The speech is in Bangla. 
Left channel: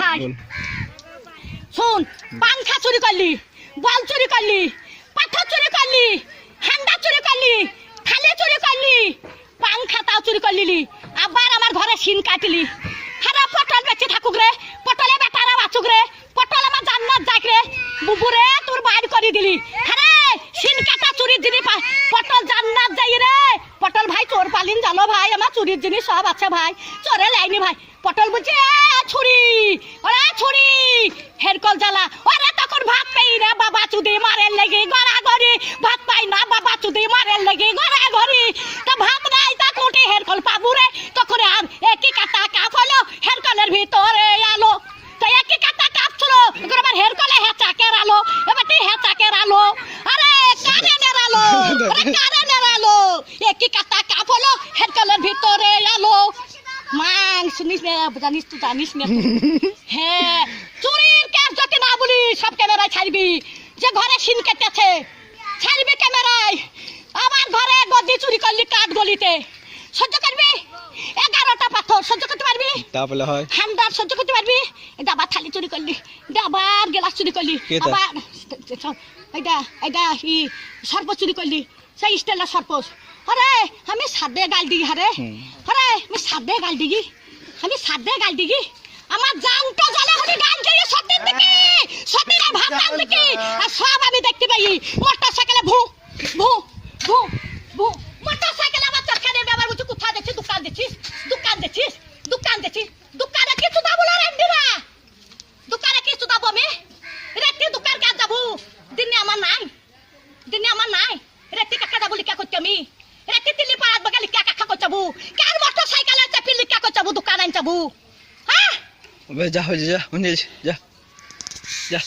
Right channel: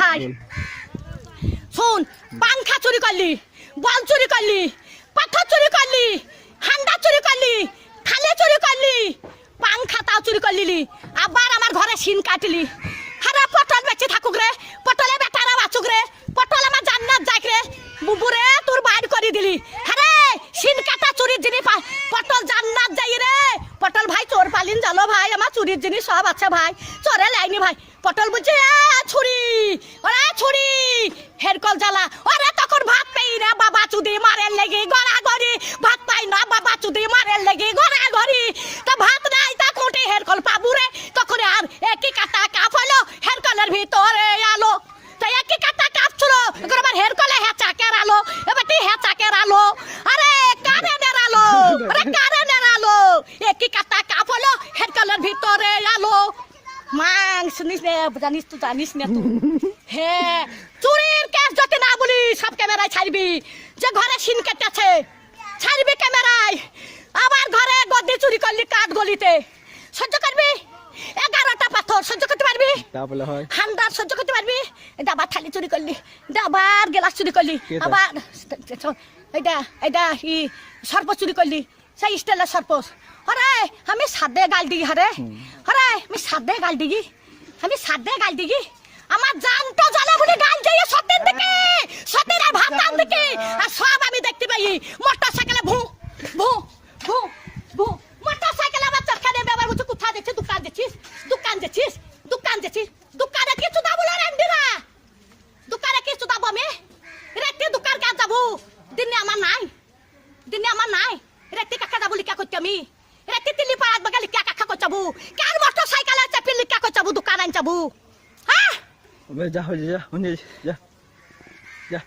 ভাই শোন, পাংখা চুরি করলি, বল চুরি করলি, পাথর চুরি করলি, হান্ডা চুরি করলি, খালে চুরি করলি, পাংখাটাও চুরি করলি, আবার আমার ঘরে সিন কাটলি। আরে পটল বেঁচে থাকুক রে, পটলে বেটারা বাঁচুক রে, পটল আমার জান্নাত যাক রে, বুবুরে তোর বাইর করে দিলি। আরে সিন কাটা চুরির জিনিস পটল জান্নাত যাই রে। পটল ভাই চোর পালিন জানো ভাই, আমার চুরির জিনিস সব আছে ভাই, চোরে লাইনি ভাই। পটল বলছে ছুরি, ওরা ছুরি হেরকল জ্বালা। ওরা তখন ভাত পাই না, বাবা চুদি মারের লেগে গড়াগড়ি, ভাত পাই না বাবা চুদি মারের লেগে গড়াগড়ি। তো ভাত নাই তা কোটে হেরকল পাবু রে, তখন আর একই কাটা কাপ হলো হেরকলের ভিতরে আলো। তো একই কাটা কাপ ছিল, এখন আবার হেরকলে হেঁচাকের আলো, এবার তুই হেঁচাকের আলো। আরে কারেন্টের আলো, আরে কারেন্টের আলো, একই কাটা কাপ হলো হেরকলের ভিতরে আলো। মাং শুনিস না, জানিস তো জানিস না। হ্যাঁ, চুরির কেস যদি না বলি সব ক্যামেরায় ছাড়বি, যে ঘরে সিন কেটেছে ছাড়বি ক্যামেরায়। আমার ঘরে গদি চুরি করলি কাঠ গলিতে, সহ্য করবি? 11টা পাথর সহ্য করতে পারবি? তাহলে হয় হান্ডার সহ্য করতে পারবি? ডাবার থালি চুরি করলি, ডাবার গ্লাস চুরি করলি, আবার ই সর্প চুরি করলি, সেই স্টাইলের সর্প। আরে আমি সাদে গাল দিগি, হারে আরে আমি সাদে গাল দিগি, আমি সাদে গাল দিগি। আমার জানটা জ্বালা বলি গাল দিয়ে সত্যের দিকে, সত্যের ভাত টান দিকে, আর সব আমি দেখতে পাই। মোটর সাইকেলে ভু ভু ভু ভু, মোটর সাইকেলে আমার চাকা নিয়ে ব্যবহার করছি। কোথায় দেখছিস? দোকান দেখছিস, দোকান দেখছিস, দোকান দেখছিস, দোকানে কিছু দাবো না রান্দিরা, দোকানে কিছু দাবো আমি রেটে দোকান কাজ যাবো। দিনে আমার নাই, দিনে আমার নাই, রেটে কাকা যাবো লিখা করছি আমি, রেটে দিল্লি পাড়াত বাগা লিখা কাকা করছাবো, কার মোটর সাইকেলে চাপি লিখা করছাবো, দোকান আন যাবো। হ্যাঁ যা হয়ে যা, যা যা।